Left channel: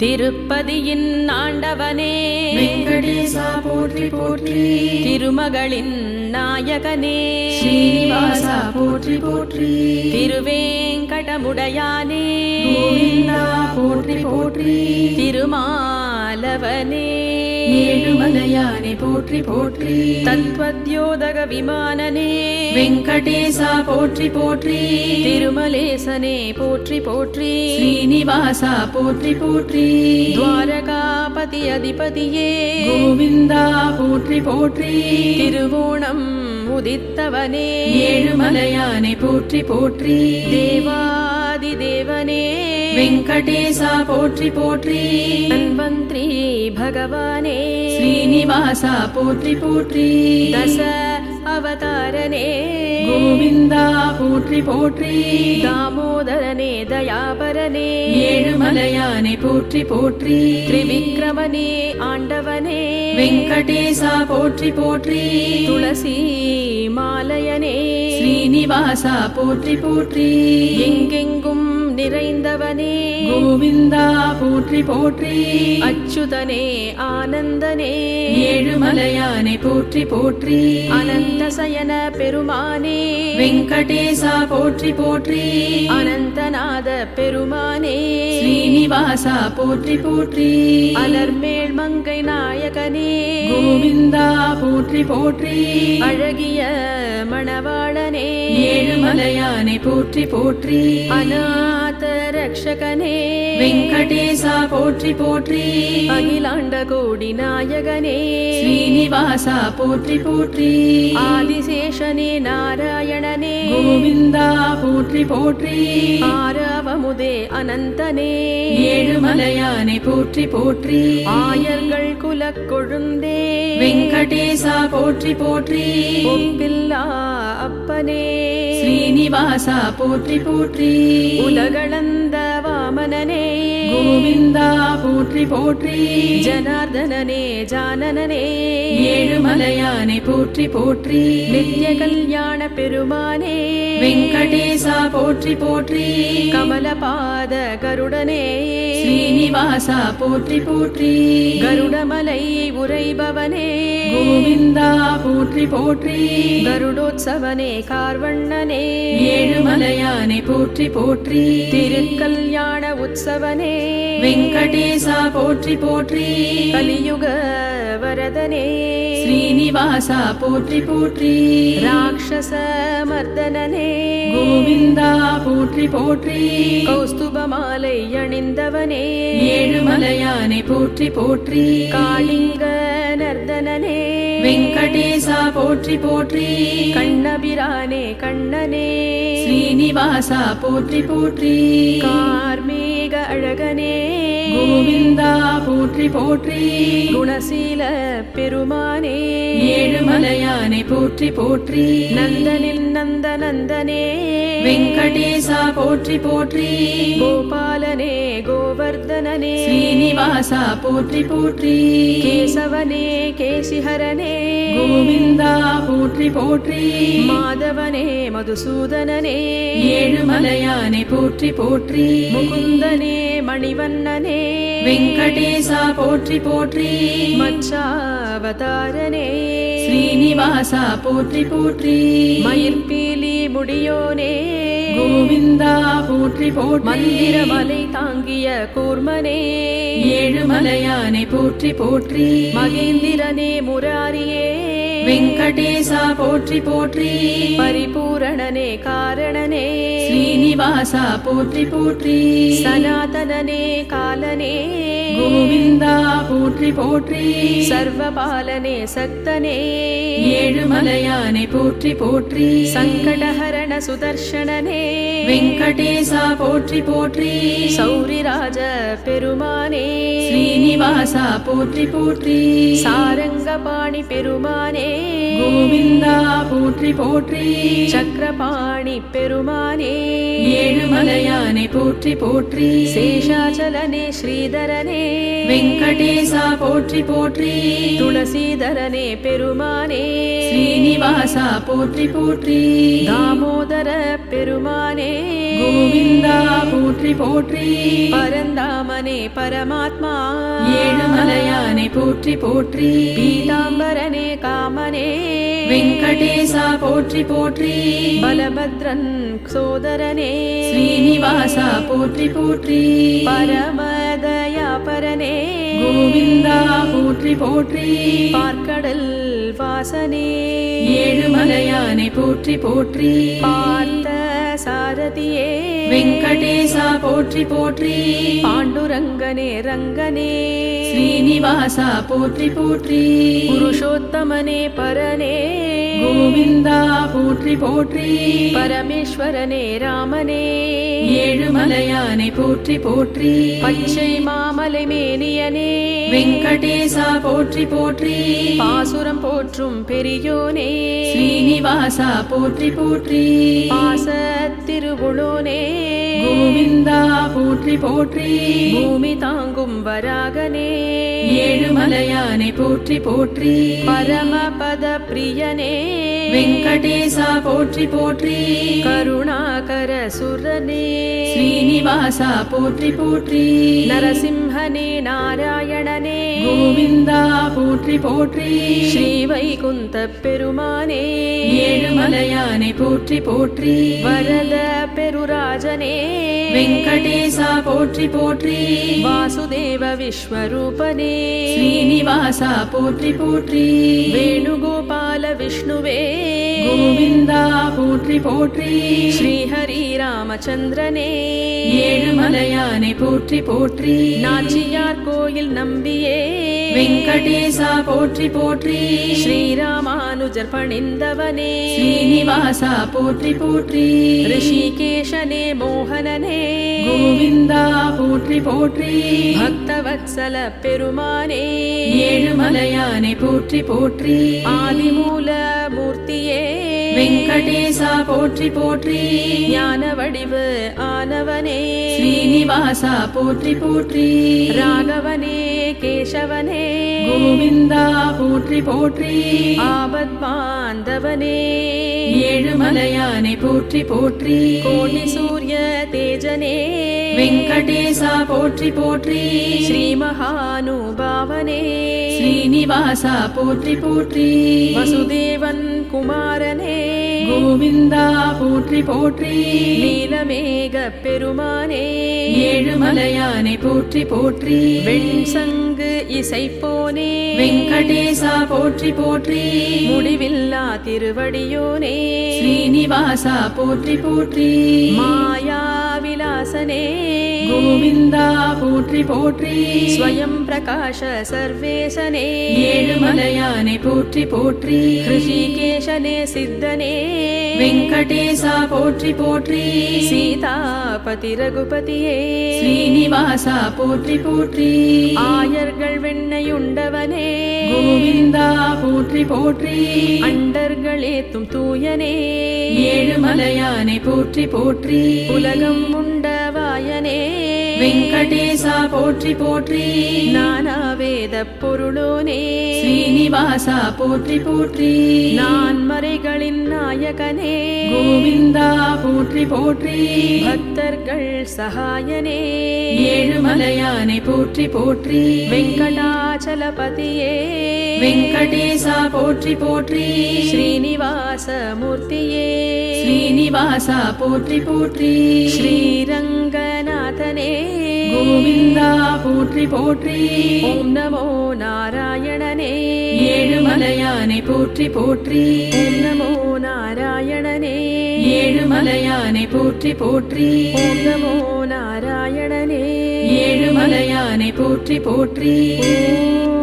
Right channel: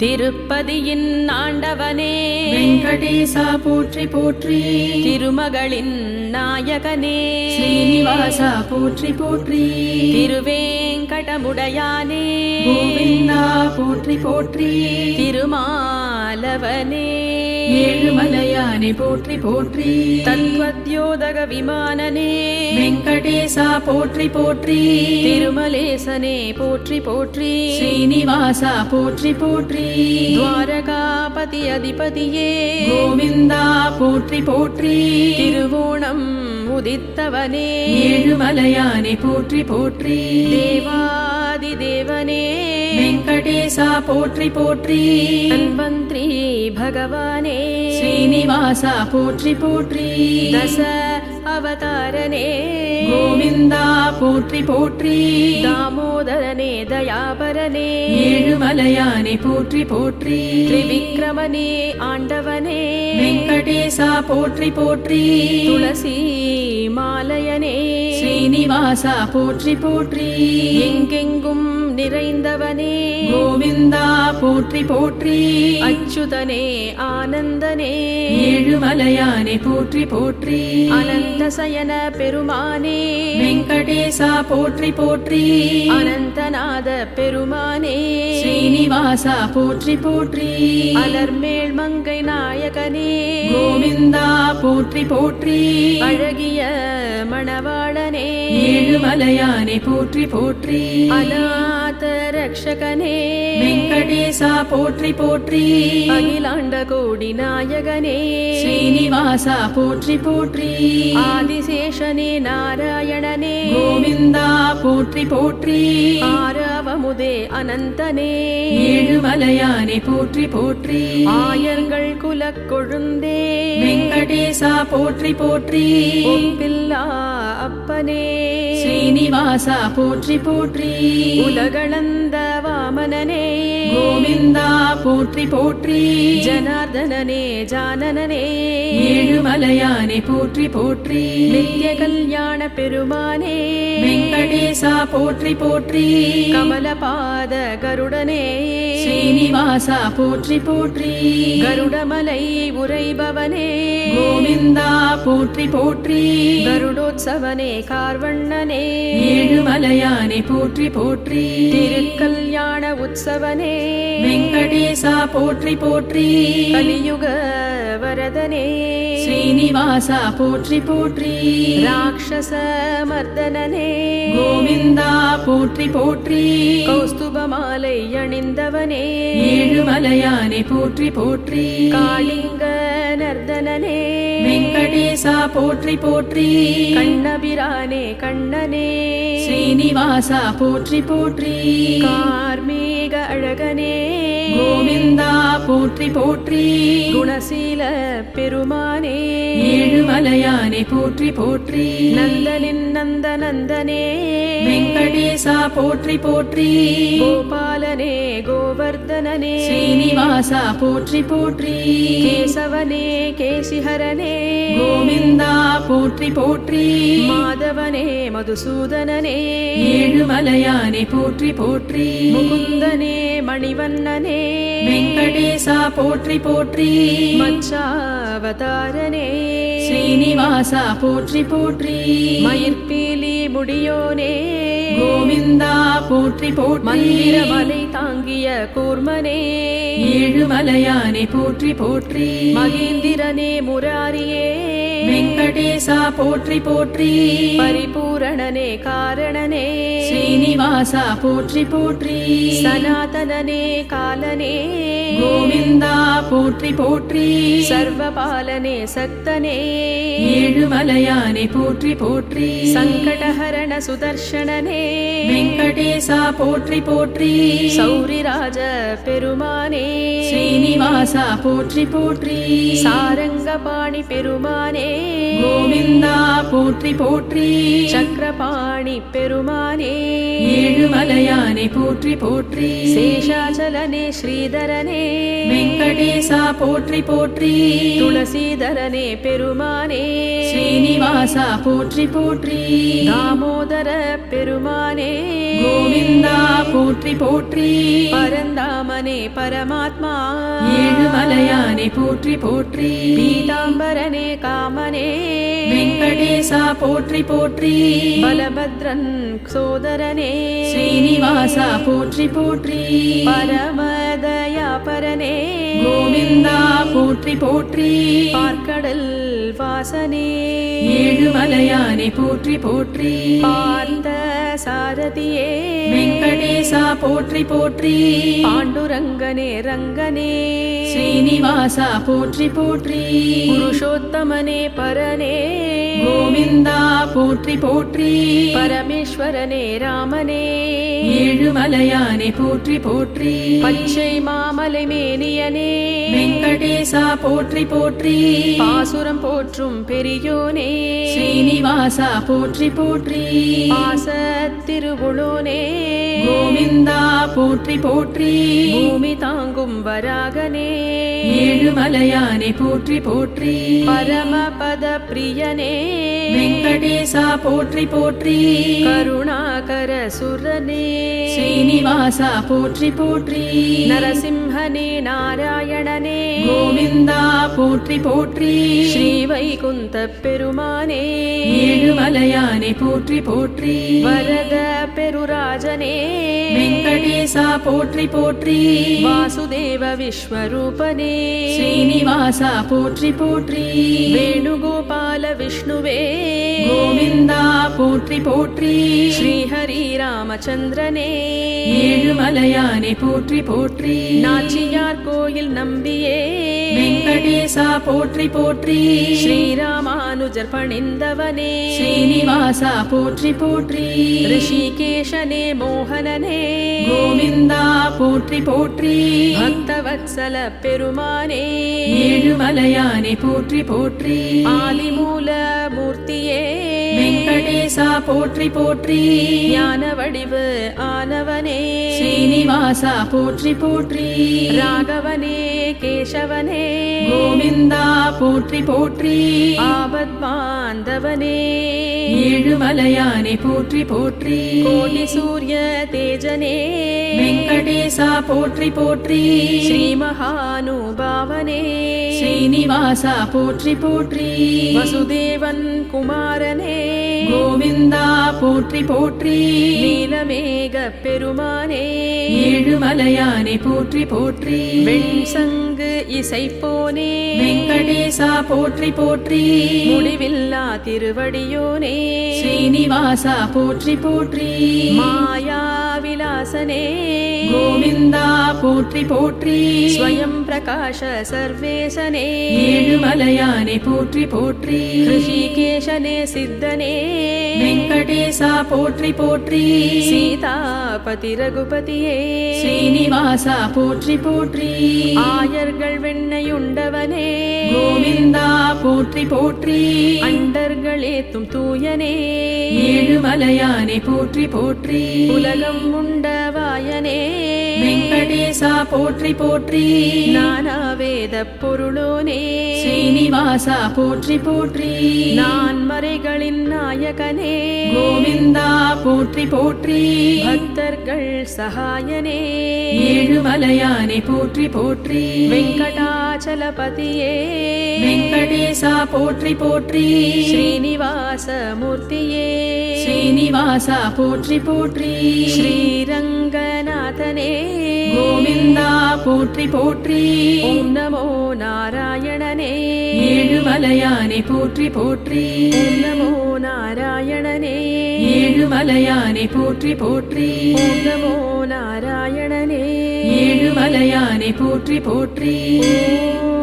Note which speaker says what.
Speaker 1: திருப்பதியின் ஆண்டவனே.
Speaker 2: போற்றி போற்றி.
Speaker 1: திருமகளின் நாயகனே.
Speaker 2: போற்றி போற்றி.
Speaker 1: திருவேங்கடமுடையானே.
Speaker 2: போற்றி போற்றி.
Speaker 1: திருமாலவனே.
Speaker 2: போற்றி போற்றி
Speaker 1: தத்வத்யோதக விமானனே.
Speaker 2: வெங்கடேசா போற்றி போற்றி.
Speaker 1: திருமலேசனே போற்றி போற்றி.
Speaker 2: ஸ்ரீனிவாசா போற்றி போற்றி.
Speaker 1: துவாரகாபதி அதிபதியே.
Speaker 2: கோவிந்தா போற்றி போற்றி.
Speaker 1: திருவோணம் உதித்தவனே.
Speaker 2: ஏழுமலையானே போற்றி போற்றி.
Speaker 1: தேவாதி தேவனே
Speaker 2: வெங்கடேசா போற்றி போற்றி.
Speaker 1: தன்வந்திரி பகவானே.
Speaker 2: ஸ்ரீனிவாசா போற்றி போற்றி.
Speaker 1: தச அவதாரனே.
Speaker 2: கோவிந்தா போற்றி போற்றி.
Speaker 1: தாமோதரனே தயாபரனே.
Speaker 2: ஏழுமலையானை போற்றி போற்றி.
Speaker 1: திரிவிக்ரமனே ஆண்டவனே.
Speaker 2: வெங்கடேசா போற்றி போற்றி.
Speaker 1: துளசி மாலையனே.
Speaker 2: ஸ்ரீனிவாசா போற்றி போற்றி.
Speaker 1: எங்கெங்கும் நிறைந்தவனே.
Speaker 2: கோவிந்தா போற்றி போற்றி.
Speaker 1: அச்சுதனே ஆனந்தனே.
Speaker 2: ஏழுமலையானை போற்றி போற்றி.
Speaker 1: அனந்த சயன பெருமானே.
Speaker 2: வெங்கடேசா போற்றி போற்றி.
Speaker 1: அனந்தநாத பெருமானே.
Speaker 2: ஸ்ரீனிவாசா போற்றி போற்றி.
Speaker 1: அலர்மேல் மங்கை நாயகனே.
Speaker 2: கோவிந்தா போற்றி போற்றி.
Speaker 1: அழகிய மணவாளனே.
Speaker 2: ஏழுமலையானை போற்றி போற்றி.
Speaker 1: அநாத ரக்ஷகனே
Speaker 2: வெங்கடேசா போற்றி போற்றி.
Speaker 1: அகிலாண்ட கோடி நாயகனே.
Speaker 2: ஸ்ரீனிவாசா போற்றி போற்றி.
Speaker 1: ஆதிசேஷனே நாராயணனே.
Speaker 2: கோவிந்தா போற்றி போற்றி.
Speaker 1: ஆரவமுதே அனந்தனே.
Speaker 2: ஏழுமலையானை போற்றி போற்றி.
Speaker 1: ஆயர்கள் குலக் கொழுந்தே.
Speaker 2: வெங்கடேசா போற்றி போற்றி.
Speaker 1: ஒப்பில்லா அப்பனே.
Speaker 2: ஸ்ரீனிவாசா போற்றி போற்றி.
Speaker 1: உலகளந்த வாமனனே.
Speaker 2: கோவிந்தா போற்றி போற்றி.
Speaker 1: ஜனார்தனனே ஜானனனே.
Speaker 2: ஏழுமலையானை போற்றி போற்றி.
Speaker 1: நித்ய கல்யாண பெருமானே.
Speaker 2: வெங்கடேசா போற்றி போற்றி.
Speaker 1: கமலபாத கருடனே.
Speaker 2: ஸ்ரீனிவாசா போற்றி போற்றி.
Speaker 1: கருடமலை உரைபவனே
Speaker 2: கோவிந்தா போற்றி போற்றி.
Speaker 1: கருடோத்சவனே கார்வண்ணனே.
Speaker 2: ஏழுமலையானை போற்றி போற்றி.
Speaker 1: திருக்கல்யாண உற்சவனே.
Speaker 2: வெங்கடேசா போற்றி போற்றி.
Speaker 1: கலியுக வரதனே.
Speaker 2: ஸ்ரீனிவாசா போற்றி போற்றி.
Speaker 1: ராட்சச மர்தனனே.
Speaker 2: கோவிந்தா போற்றி போற்றி.
Speaker 1: கௌஸ்துப மாலை அணிந்தவனே.
Speaker 2: ஏழுமலையானை போற்றி போற்றி.
Speaker 1: காளிங்க நர்தனனே.
Speaker 2: வெங்கடேசா போற்றி போற்றி.
Speaker 1: கண்ணபிரானே கண்ணனே.
Speaker 2: ஸ்ரீனிவாசா போற்றி போற்றி
Speaker 1: கார்மேக அழகனே
Speaker 2: கோவிந்தா போற்றி போற்றி
Speaker 1: குணசீல பெருமானே
Speaker 2: ஏழுமலையானை போற்றி போற்றி
Speaker 1: நந்தனின் நந்த நந்தனே
Speaker 2: வெங்கடேசா போற்றி போற்றி
Speaker 1: கோபாலனே கோவர்தனனே
Speaker 2: ஸ்ரீனிவாசா போற்றி போற்றி.
Speaker 1: கேசவனே கேசிஹரனே.
Speaker 2: கோவிந்தா போற்றி போற்றி.
Speaker 1: மாதவனே மதுசூதனனே.
Speaker 2: ஏழுமலையானை போற்றி போற்றி.
Speaker 1: முகுந்தனே மணிவண்ணனே.
Speaker 2: வெங்கடேசா போற்றி போற்றி.
Speaker 1: மச்சாவதாரனே.
Speaker 2: ஸ்ரீனிவாசா போற்றி போற்றி.
Speaker 1: மயிர்பீலி முடியோனே.
Speaker 2: கோவிந்தா போற்றி போற்றி.
Speaker 1: மந்திரமலை தாங்கிய கூர்மனே.
Speaker 2: ஏழுமலையானை போற்றி போற்றி.
Speaker 1: மகேந்திரனே முராரியே.
Speaker 2: வெங்கடேசா போற்றி போற்றி.
Speaker 1: பரிபூரணனே காரணனே.
Speaker 2: ஸ்ரீனிவாசா போற்றி போற்றி.
Speaker 1: சனாதனனே காலனே.
Speaker 2: கோவிந்தா போற்றி போற்றி.
Speaker 1: சர்வபாலனே சக்தனே.
Speaker 2: ஏழுமலையானை போற்றி போற்றி.
Speaker 1: சங்கடஹரண சுதர்ஷனனே.
Speaker 2: வெங்கடேசா போற்றி போற்றி.
Speaker 1: சௌரிராஜ பெருமானே.
Speaker 2: ஸ்ரீனிவாசா போற்றி போற்றி
Speaker 1: சாரங்கபாணி பெருமானே
Speaker 2: கோவிந்தா போற்றி போற்றி
Speaker 1: சக்கரபாணி பெருமானே
Speaker 2: போற்றி போற்றி.
Speaker 1: சேஷாச்சலனே ஸ்ரீதரனே.
Speaker 2: வெங்கடேசா போற்றி போற்றி.
Speaker 1: துளசீதரனே பெருமானே.
Speaker 2: ஸ்ரீனிவாசா போற்றி போற்றி.
Speaker 1: தாமோதர பெருமானே.
Speaker 2: கோவிந்தா போற்றி போற்றி.
Speaker 1: பரந்தாமனே பரமாத்மா.
Speaker 2: ஏழுமலையானை போற்றி போற்றி.
Speaker 1: பீதாம்பரனே காமனே.
Speaker 2: வெங்கடேசா போற்றி போற்றி.
Speaker 1: பலபத்ரன் சோதரனே.
Speaker 2: ஸ்ரீனிவாசா போற்றி போற்றி
Speaker 1: பரமதயாபரனே
Speaker 2: கோவிந்தா போற்றி போற்றி
Speaker 1: பார்க்கடல் வாசனே
Speaker 2: ஏழுமலையானை போற்றி போற்றி
Speaker 1: பார்த்த சாரதியே
Speaker 2: வெங்கடேசா போற்றி போற்றி
Speaker 1: பாண்டுரங்கனே ரங்கனே
Speaker 2: ஸ்ரீனிவாசா போற்றி போற்றி
Speaker 1: புருஷோத்தமனே பரனே
Speaker 2: கோவிந்தா போற்றி போற்றி.
Speaker 1: பரமேஸ்வரனே ராமனே.
Speaker 2: ஏழுமலையானை போற்றி போற்றி.
Speaker 1: பச்சை மாமலை மேனியனே.
Speaker 2: வெங்கடேசா போற்றி போற்றி.
Speaker 1: பாசுரம் போற்றும் பெரியோனே.
Speaker 2: ஸ்ரீனிவாசா போற்றி போற்றி.
Speaker 1: பாச திருவுளோனே.
Speaker 2: கோவிந்தா போற்றி போற்றி.
Speaker 1: பூமி தாங்கும் வராகனே.
Speaker 2: ஏழுமலையானை போற்றி போற்றி.
Speaker 1: பரமபத பிரியனே
Speaker 2: வெங்கடேசா போற்றி போற்றி.
Speaker 1: கருணாகர சுரனே.
Speaker 2: ஸ்ரீனிவாசா போற்றி போற்றி.
Speaker 1: நரசிம்ஹனே நாராயணனே.
Speaker 2: கோவிந்தா போற்றி போற்றி.
Speaker 1: ஸ்ரீவைகுந்த பெருமானே.
Speaker 2: ஏழுமலையானை போற்றி போற்றி.
Speaker 1: வரத பெருராஜனே.
Speaker 2: வெங்கடேசா போற்றி போற்றி.
Speaker 1: வாசுதேவ விஸ்வரூபனே.
Speaker 2: ஸ்ரீனிவாசா போற்றி போற்றி.
Speaker 1: வேணுகோபால விஷ்ணுவே.
Speaker 2: கோவிந்தா போற்றி போற்றி.
Speaker 1: ஸ்ரீஹரி ராமச்சந்திரனே.
Speaker 2: ஏழுமலையானை போற்றி போற்றி.
Speaker 1: நாச்சியார் கோயில் நம்பியே.
Speaker 2: வெங்கடேசா போற்றி போற்றி.
Speaker 1: ஸ்ரீராமானுஜர் பணிந்தவனே.
Speaker 2: ஸ்ரீனிவாசா போற்றி போற்றி.
Speaker 1: ரிஷிகேஷனே மோகனனே.
Speaker 2: கோவிந்தா போற்றி போற்றி.
Speaker 1: பக்தவத்சல பெருமானே.
Speaker 2: ஏழுமலையானை போற்றி போற்றி.
Speaker 1: ஆதிமூல மூர்த்தியே.
Speaker 2: வெங்கடேசா போற்றி போற்றி.
Speaker 1: ஞான வடிவு ஆனவனே.
Speaker 2: ஸ்ரீனிவாசா போற்றி போற்றி.
Speaker 1: ராகவனே கேசவனே.
Speaker 2: கோவிந்தா போற்றி போற்றி.
Speaker 1: ஆபத் பாந்தவனே
Speaker 2: ஏழுமலையானை போற்றி போற்றி.
Speaker 1: கோடி சூரிய தேஜனே.
Speaker 2: வெங்கடேசா போற்றி போற்றி.
Speaker 1: ஸ்ரீ மகானுபாவனே.
Speaker 2: ஸ்ரீனிவாசா போற்றி போற்றி.
Speaker 1: வசுதேவன் குமாரனே.
Speaker 2: கோவிந்தா போற்றி போற்றி.
Speaker 1: நீலமேக பெருமானே.
Speaker 2: ஏழுமலையானை போற்றி போற்றி.
Speaker 1: வெண்சங்கு இசைப்போனே.
Speaker 2: வெங்கடேசா போற்றி போற்றி.
Speaker 1: முடிவில்லா திருவடியோனே.
Speaker 2: ஸ்ரீனிவாசா போற்றி போற்றி.
Speaker 1: மாயா விலாசனே
Speaker 2: கோவிந்தா போற்றி போற்றி.
Speaker 1: ஸ்வயம் பிரகாஷ சர்வேசனே.
Speaker 2: ஏழுமலையானை போற்றி போற்றி.
Speaker 1: ஹிருஷிகேஷனே சித்தனே.
Speaker 2: வெங்கடேசா போற்றி போற்றி.
Speaker 1: சீதாபதி ரகுபதியே.
Speaker 2: ஸ்ரீனிவாசா போற்றி போற்றி.
Speaker 1: ஆயர்கள் வெண்ணையுண்டவனே.
Speaker 2: போற்றி. போற்றி
Speaker 1: அண்டர்களேத்தும் தூயனே.
Speaker 2: ஏழுமலையானை போற்றி போற்றி.
Speaker 1: உலகம் உண்டவாயனே
Speaker 2: வெங்கடேசா போற்றி போற்றி.
Speaker 1: நானா வேத பொருளோனே.
Speaker 2: ஸ்ரீனிவாசா போற்றி போற்றி.
Speaker 1: நான் மறைகளின் நாயகனே.
Speaker 2: கோவிந்தா போற்றி போற்றி.
Speaker 1: பக்தர்கள் சகாயனே.
Speaker 2: ஏழுமலையானை போற்றி போற்றி.
Speaker 1: வெங்கடாச்சலபதியே.
Speaker 2: வெங்கடேசா போற்றி போற்றி.
Speaker 1: ஸ்ரீனிவாச மூர்த்தியே
Speaker 2: ஸ்ரீனிவாசா போற்றி போற்றி.
Speaker 1: ஸ்ரீரங்கநாதனே.
Speaker 2: கோவிந்தா போற்றி போற்றி.
Speaker 1: ஓம் நமோ நாராயணனே.
Speaker 2: ஏழுமலையானை போற்றி போற்றி.
Speaker 1: ஓம் நமோ நாராயணனே.
Speaker 2: ஏழுமலையானை போற்றி போற்றி.
Speaker 1: ஓம் நமோ நாராயணனே.
Speaker 2: ஏழுமலையானை போற்றி போற்றி.
Speaker 1: ஓம்